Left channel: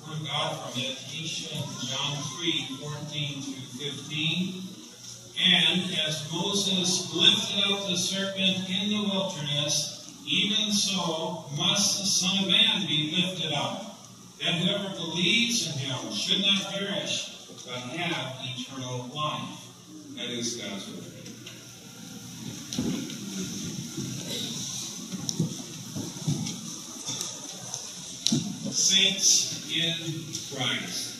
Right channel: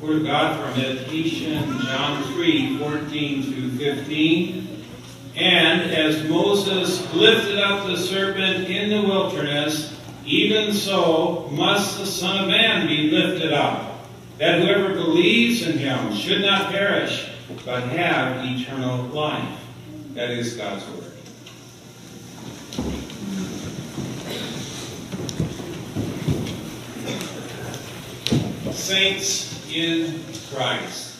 Word of God for meditation, John 3:14 through 15. And as Moses lifted up the serpent in the wilderness, even so must the Son of Man be lifted up, that whoever believes in him should not perish, but have eternal life. That is God's word. Saints in Christ.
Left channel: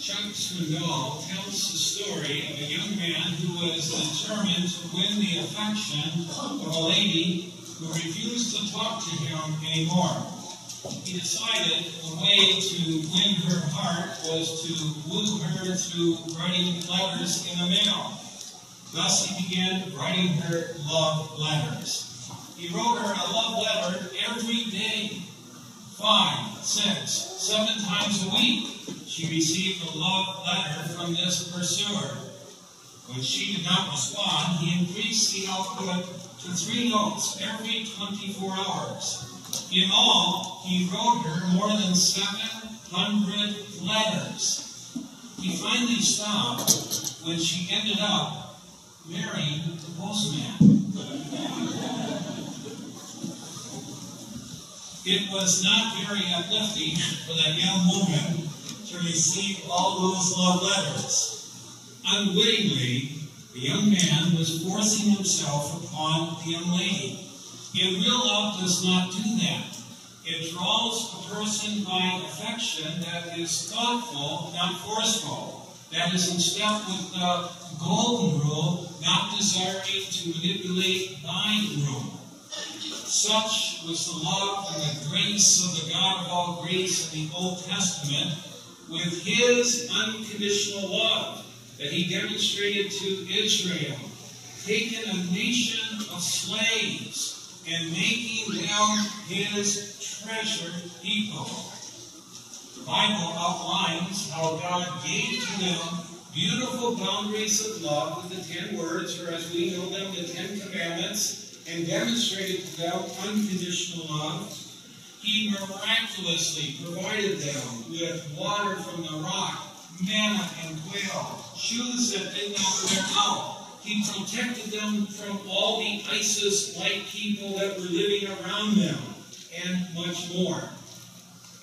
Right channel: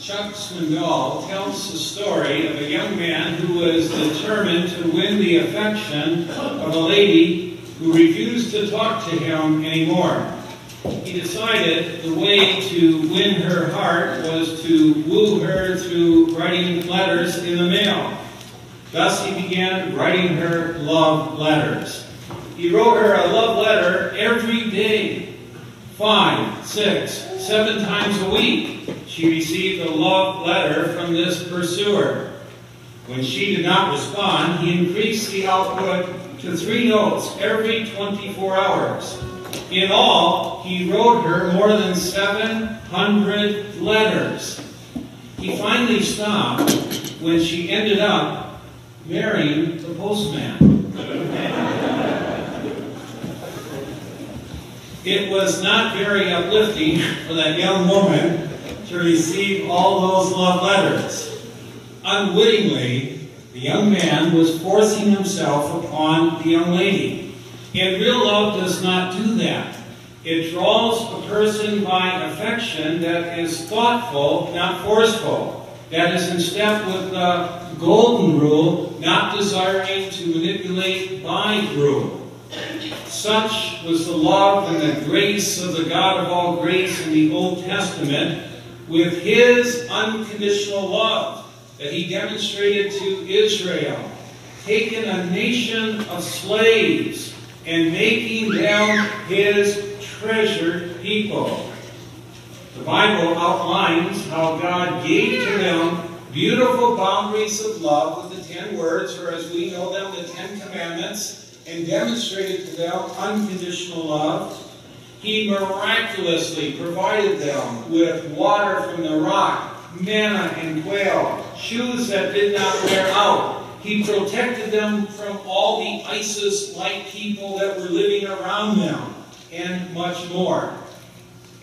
Chuck Swindoll tells the story of a young man who was determined to win the affection of a lady who refused to talk to him anymore. He decided the way to win her heart was to woo her through writing letters in the mail. Thus he began writing her love letters. He wrote her a love letter every day. 5, 6, 7 times a week, she received a love letter from this pursuer. When she did not respond, he increased the output to 3 notes every 24 hours. In all, he wrote her more than 700 letters. He finally stopped when she ended up marrying the postman. It was not very uplifting for that young woman to receive all those love letters. Unwittingly, the young man was forcing himself upon the young lady. And real love does not do that. It draws a person by affection that is thoughtful, not forceful. That is in step with the golden rule, not desiring to manipulate by rule. Such was the love and the grace of the God of all grace in the Old Testament, with his unconditional love that he demonstrated to Israel, taking a nation of slaves and making them his treasured people. The Bible outlines how God gave to them beautiful boundaries of love with the 10 words, or as we know them, the 10 commandments, and demonstrated to them unconditional love. He miraculously provided them with water from the rock, manna and quail, shoes that did not wear out. He protected them from all the ISIS-like people that were living around them, and much more.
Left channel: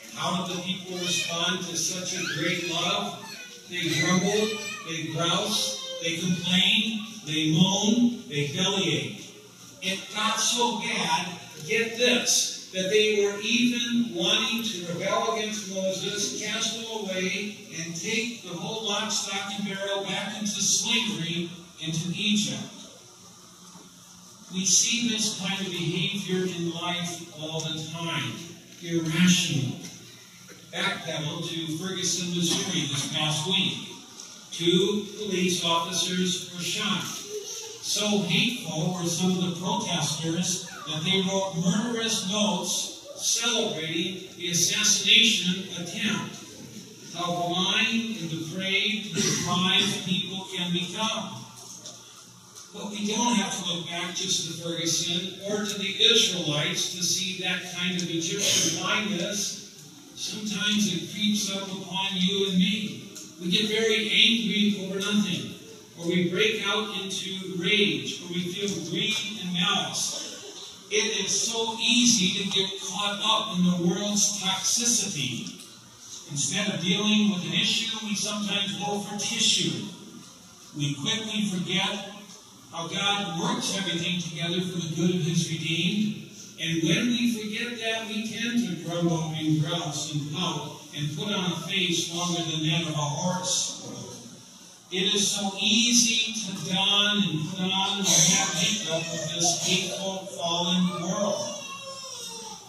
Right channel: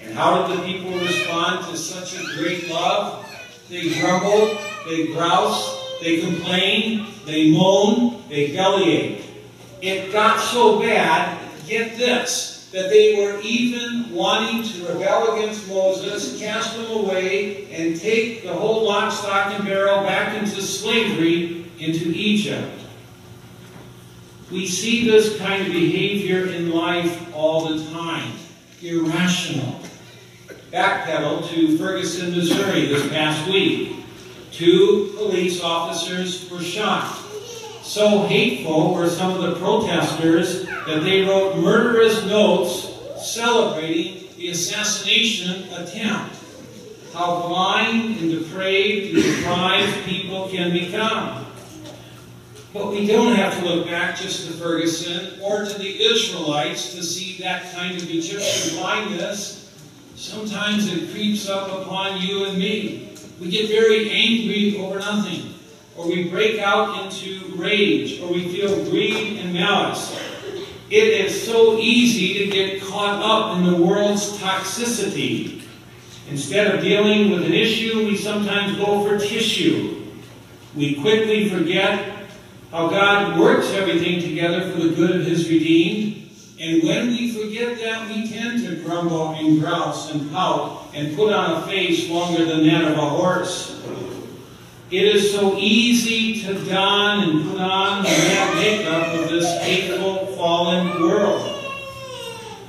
And how did the people respond to such a great love? They grumbled, they groused, they complained, they moaned, they bellyached. It got so bad, get this, that they were even wanting to rebel against Moses, cast him away, and take the whole lock, stock, and barrel back into slavery into Egypt. We see this kind of behavior in life all the time. Irrational. Backpedal to Ferguson, Missouri this past week. 2 police officers were shot. So hateful were some of the protesters that they wrote murderous notes celebrating the assassination attempt. How blind and depraved and deprived people can become. But we don't have to look back just to Ferguson or to the Israelites to see that kind of Egyptian blindness. Sometimes it creeps up upon you and me. We get very angry over nothing. Or we break out into rage, or we feel greed and malice. It is so easy to get caught up in the world's toxicity. Instead of dealing with an issue, we sometimes go for tissue. We quickly forget how God works everything together for the good of his redeemed. And when we forget that, we tend to grumble and grouse and pout and put on a face longer than that of a horse. It is so easy to don and put on the mad makeup of this hateful, fallen world.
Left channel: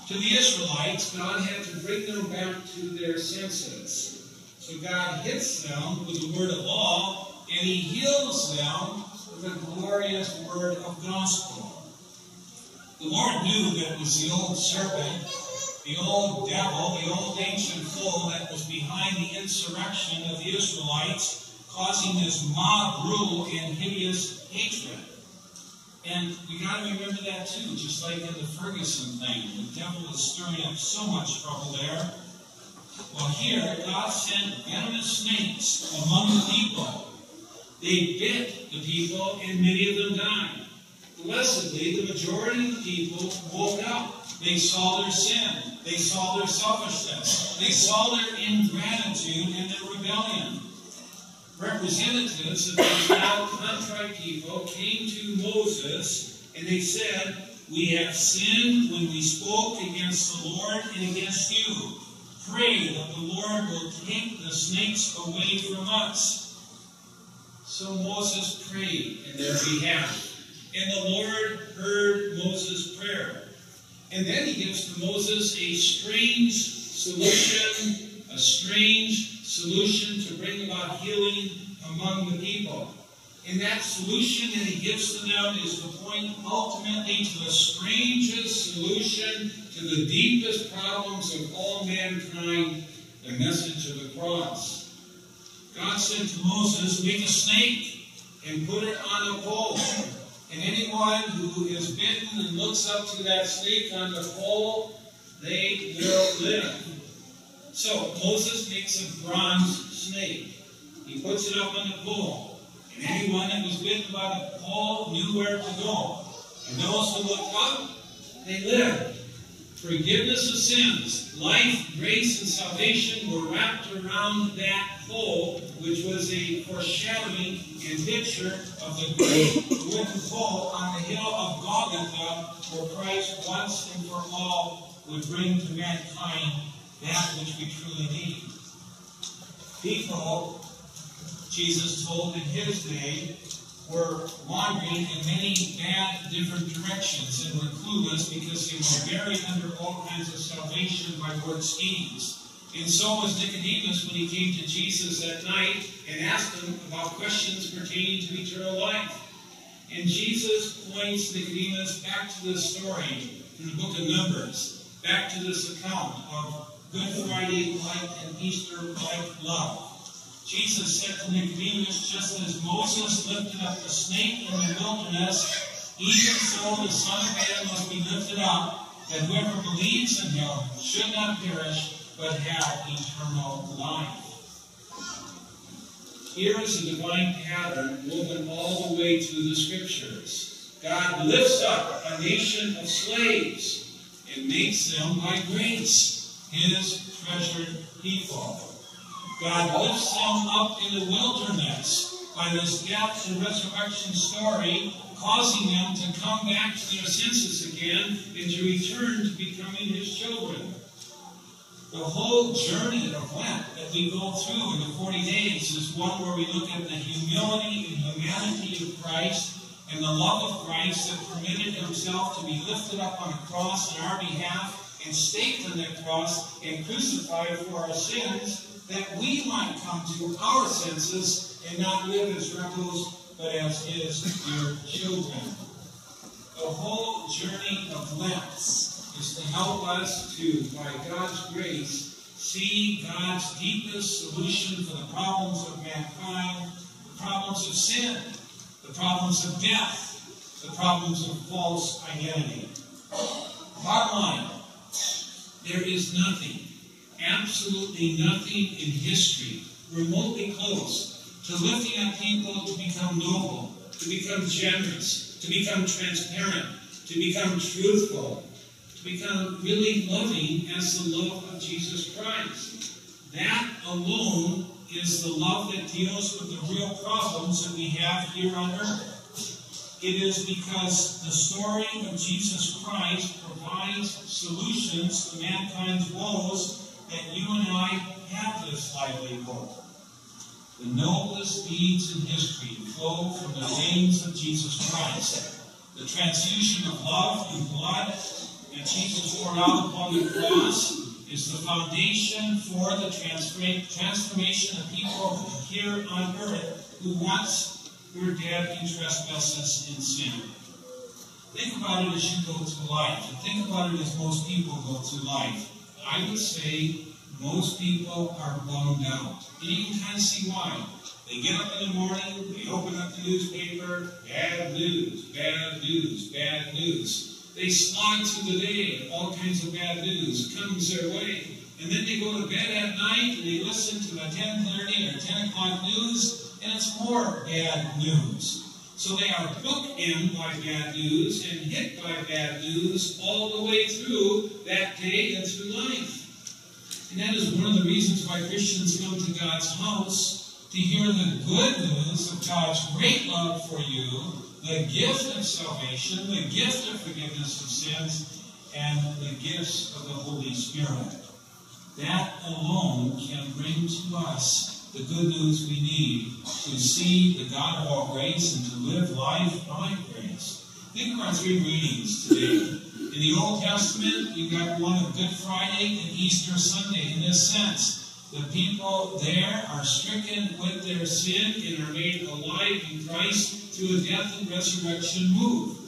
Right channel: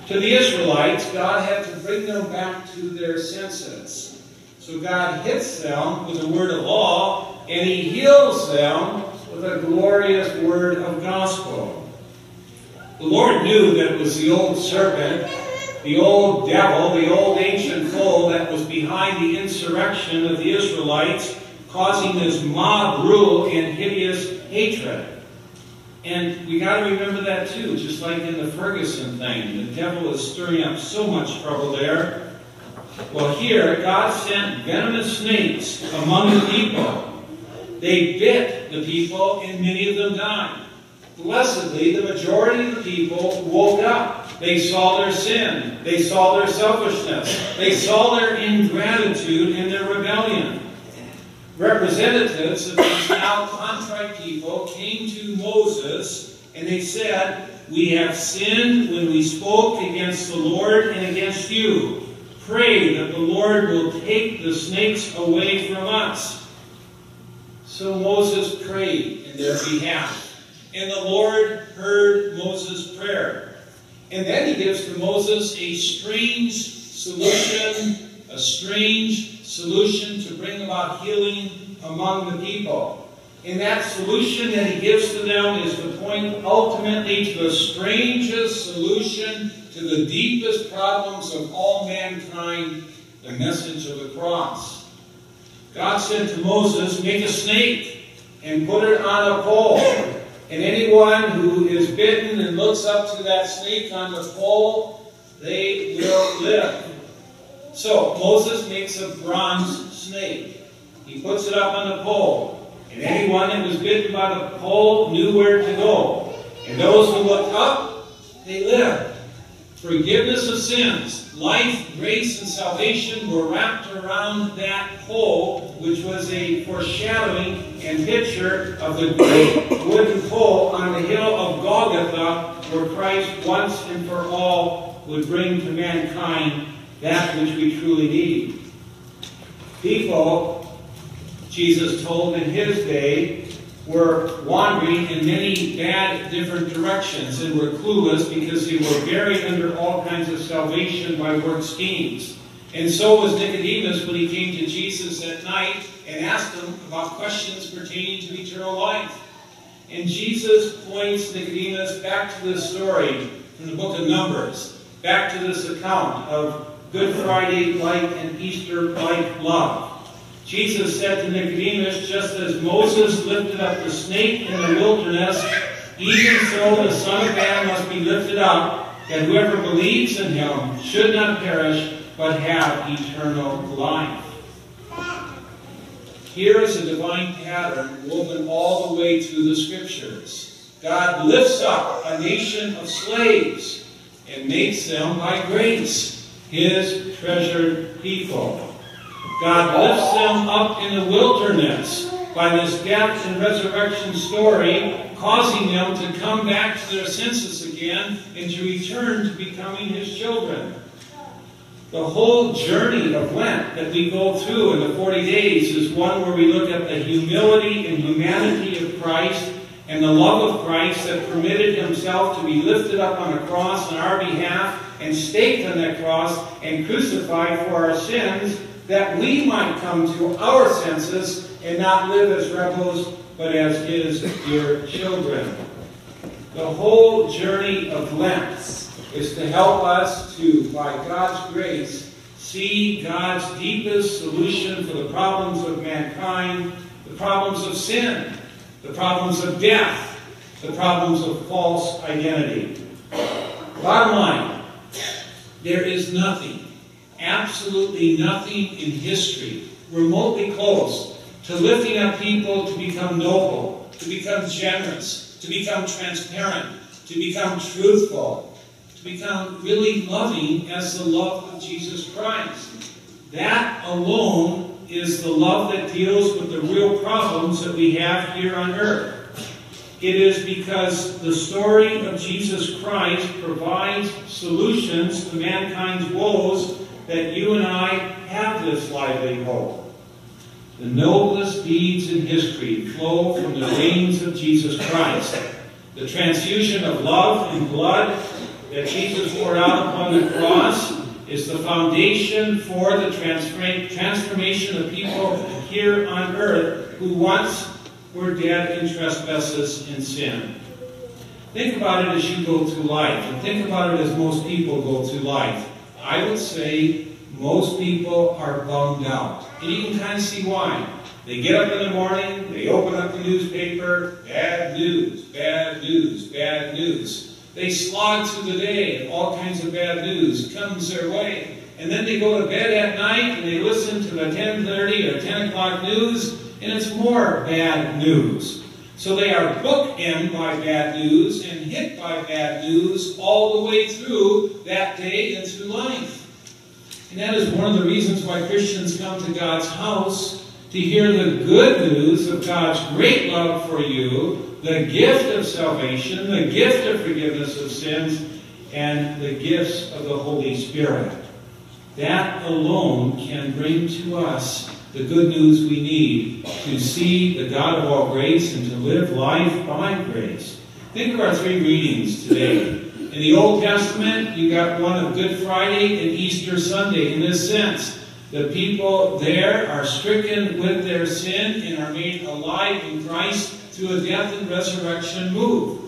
To the Israelites, God had to bring them back to their senses. So God hits them with a word of law, and he heals them with a glorious word of gospel. The Lord knew that it was the old serpent, the old devil, the old ancient foe that was behind the insurrection of the Israelites, causing this mob rule and hideous hatred. And we got to remember that too, just like in the Ferguson thing. The devil is stirring up so much trouble there. Well, here, God sent venomous snakes among the people. They bit the people, and many of them died. Blessedly, the majority of the people woke up. They saw their sin. They saw their selfishness. They saw their ingratitude and their rebellion. Representatives of these now contrite people came to Moses, and they said, "We have sinned when we spoke against the Lord and against you. Pray that the Lord will take the snakes away from us." So Moses prayed in their behalf, and the Lord heard Moses' prayer. And then he gives to Moses a strange solution to bring about healing among the people. And that solution that he gives to them is to point ultimately to the strangest solution to the deepest problems of all mankind, the message of the cross. God said to Moses, "Make a snake and put it on a pole. And anyone who is bitten and looks up to that snake on the pole, they will live." So Moses makes a bronze snake. He puts it up on the pole. And anyone that was bitten by the pole knew where to go. And those who looked up, they lived. Forgiveness of sins, life, grace, and salvation were wrapped around that pole, which was a foreshadowing and picture of the great wooden pole on the hill of Golgotha, where Christ once and for all would bring to mankind that which we truly need. People, Jesus told in his day, were wandering in many bad different directions and were clueless because they were buried under all kinds of salvation by work schemes. And so was Nicodemus when he came to Jesus at night and asked him about questions pertaining to eternal life. And Jesus points Nicodemus back to this story from the book of Numbers, back to this account of Good Friday-like and Easter-like love. Jesus said to Nicodemus, "Just as Moses lifted up the snake in the wilderness, even so the Son of Man must be lifted up, that whoever believes in him should not perish, but have eternal life." Here is a divine pattern woven all the way through the Scriptures. God lifts up a nation of slaves and makes them, by grace, his treasured people. God lifts them up in the wilderness by this death and resurrection story, causing them to come back to their senses again and to return to becoming his children. The whole journey of Lent that we go through in the 40 days is one where we look at the humility and humanity of Christ and the love of Christ that permitted himself to be lifted up on a cross on our behalf and staked on that cross and crucified for our sins, that we might come to our senses and not live as rebels, but as his dear children. The whole journey of Lent is to help us to, by God's grace, see God's deepest solution for the problems of mankind, the problems of sin, the problems of death, the problems of false identity. Bottom line, there is nothing, absolutely nothing in history remotely close to lifting up people to become noble, to become generous, to become transparent, to become truthful, to become really loving as the love of Jesus Christ. That alone is the love that deals with the real problems that we have here on earth. It is because the story of Jesus Christ provides solutions to mankind's woes that you and I have this lively hope. The noblest deeds in history flow from the veins of Jesus Christ. The transfusion of love and blood that Jesus poured out upon the cross is the foundation for the transformation of people here on earth who once were dead in trespasses and sin. Think about it as you go through life, and think about it as most people go through life. I would say most people are bummed out. And you can kind of see why. They get up in the morning, they open up the newspaper, bad news, bad news, bad news. They slog through the day, and all kinds of bad news comes their way. and then they go to bed at night and they listen to the 10:30 or 10 o'clock news, and it's more bad news. So they are bookended by bad news and hit by bad news all the way through that day and through life. And that is one of the reasons why Christians come to God's house, to hear the good news of God's great love for you, the gift of salvation, the gift of forgiveness of sins, and the gifts of the Holy Spirit. That alone can bring to us the good news we need to see the God of all grace and to live life by grace. Think of our three readings today. In the Old Testament, you got one of Good Friday and Easter Sunday. In this sense, the people there are stricken with their sin and are made alive in Christ through a death and resurrection move.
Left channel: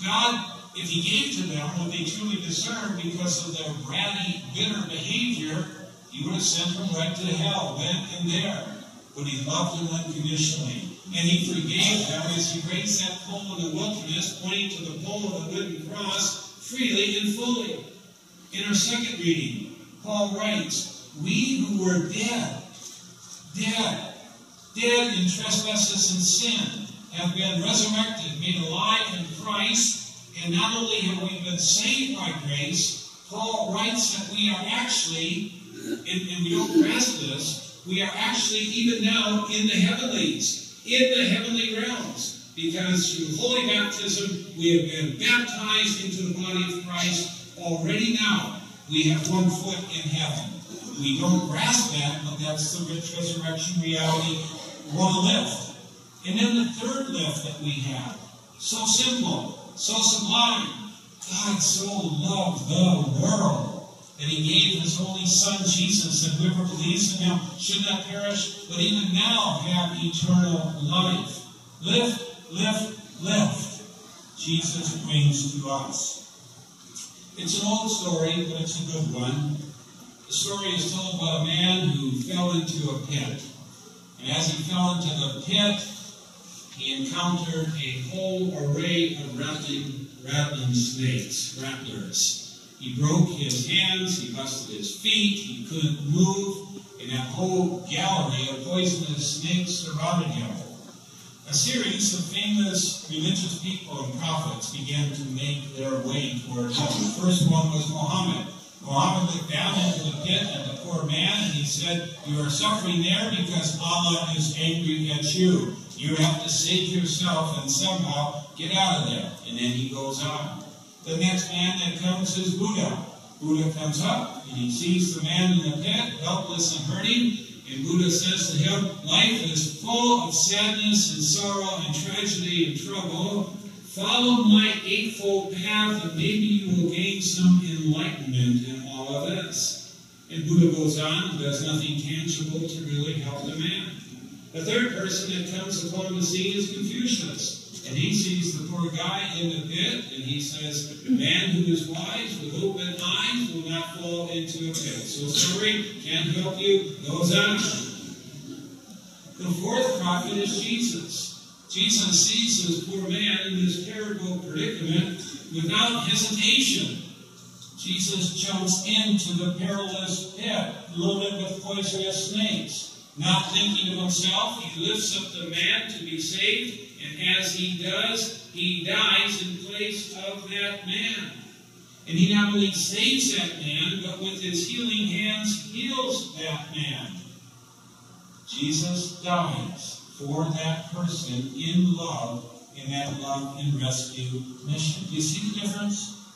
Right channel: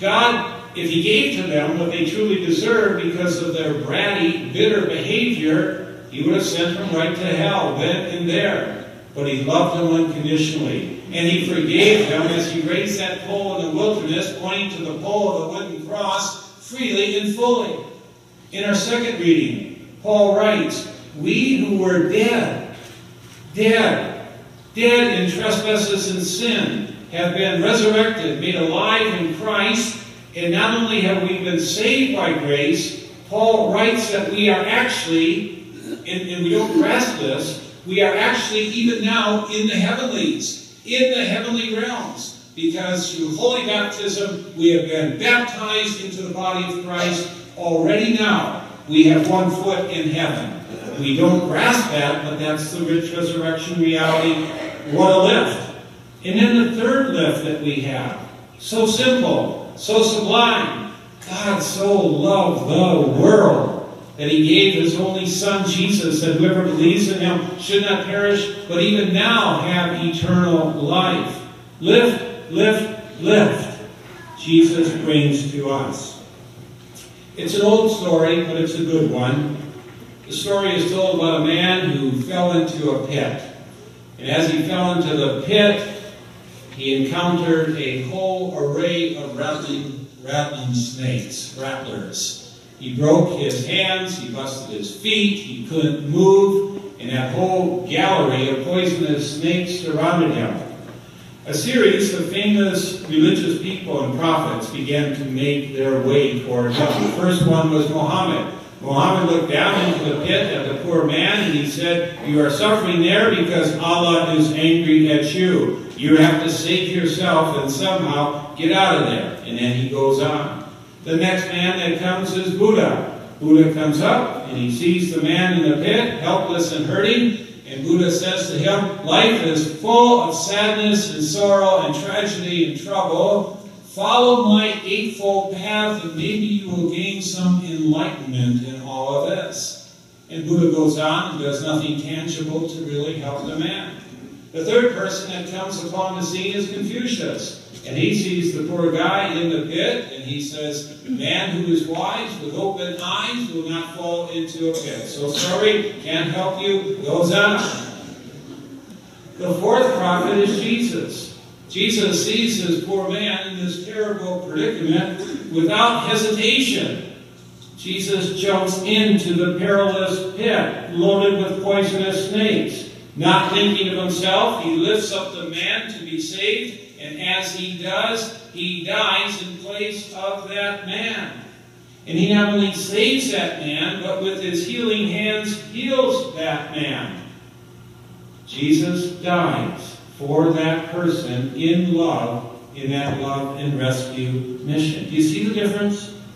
God, if He gave to them what they truly deserved because of their bratty, bitter behavior, He would have sent them right to hell then and there. But He loved them unconditionally. And He forgave them as He raised that pole in the wilderness, pointing to the pole of the wooden cross, freely and fully. In our second reading, Paul writes, we who were dead in trespasses and sin, have been resurrected, made alive in Christ, and not only have we been saved by grace, Paul writes that we are actually, and we don't grasp this, we are actually even now in the heavenlies, in the heavenly realms, because through holy baptism we have been baptized into the body of Christ. Already now we have one foot in heaven. We don't grasp that, but that's the rich resurrection reality. What a lift. And then the third lift that we have, so simple, so sublime. God so loved the world that He gave His only Son, Jesus, that whoever believes in Him should not perish, but even now have eternal life. Lift, lift, lift. Jesus brings to us. It's an old story, but it's a good one. The story is told about a man who fell into a pit. And as he fell into the pit, he encountered a whole array of rattling snakes, rattlers. He broke his hands, he busted his feet, he couldn't move, and that whole gallery of poisonous snakes surrounded him. A series of famous religious people and prophets began to make their way toward him. The first one was Muhammad. Muhammad looked down into the pit at the poor man and he said, you are suffering there because Allah is angry at you. You have to save yourself and somehow get out of there. And then he goes on. The next man that comes is Buddha. Buddha comes up and he sees the man in the pit, helpless and hurting. And Buddha says to him, life is full of sadness and sorrow and tragedy and trouble. Follow my eightfold path and maybe you will gain some enlightenment in all of this. And Buddha goes on and does nothing tangible to really help the man. The third person that comes upon the scene is Confucius. And he sees the poor guy in the pit and he says, man who is wise with open eyes will not fall into a pit. So sorry, can't help you, goes on. The fourth prophet is Jesus. Jesus sees his poor man in this terrible predicament without hesitation. Jesus jumps into the perilous pit loaded with poisonous snakes. Not thinking of himself, he lifts up the man to be saved, and as he does, he dies in place of that man. And he not only saves that man, but with his healing hands heals that man. Jesus dies for that person in love, in that love and rescue mission. Do you see the difference?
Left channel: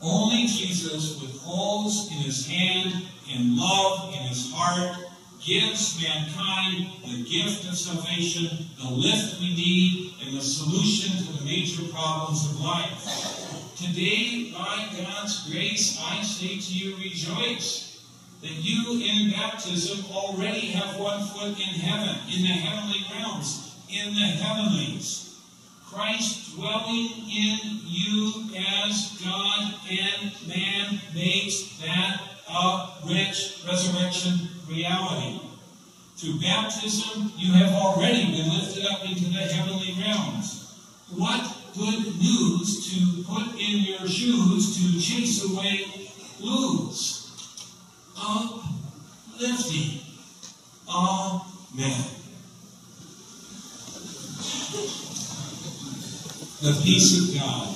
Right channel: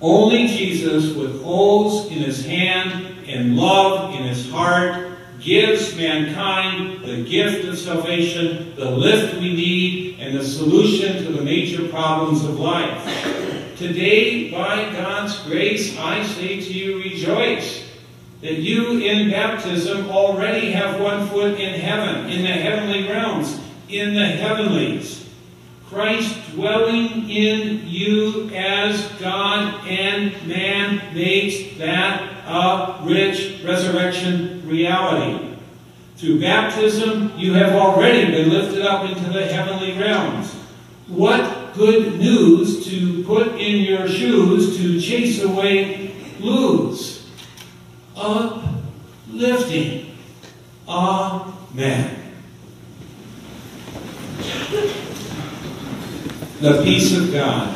Only Jesus, with holes in his hand and love in his heart, gives mankind the gift of salvation, the lift we need, and the solution to the major problems of life. Today, by God's grace, I say to you, rejoice that you in baptism already have one foot in heaven, in the heavenly realms, in the heavenlies. Christ dwelling in you as God and man makes that a rich resurrection reality. Through baptism, you have already been lifted up into the heavenly realms. What good news to put in your shoes to chase away blues. uplifting. Amen. The peace of God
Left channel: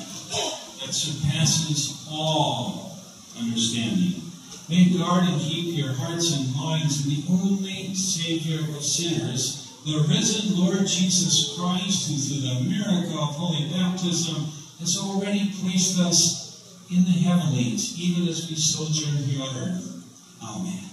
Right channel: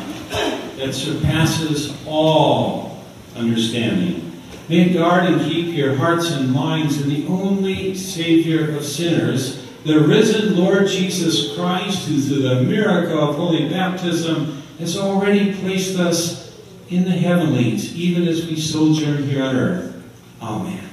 that surpasses all understanding may guard and keep your hearts and minds in the only Savior of sinners, the risen Lord Jesus Christ, who through the miracle of holy baptism has already placed us in the heavenlies, even as we sojourn here on earth. Amen.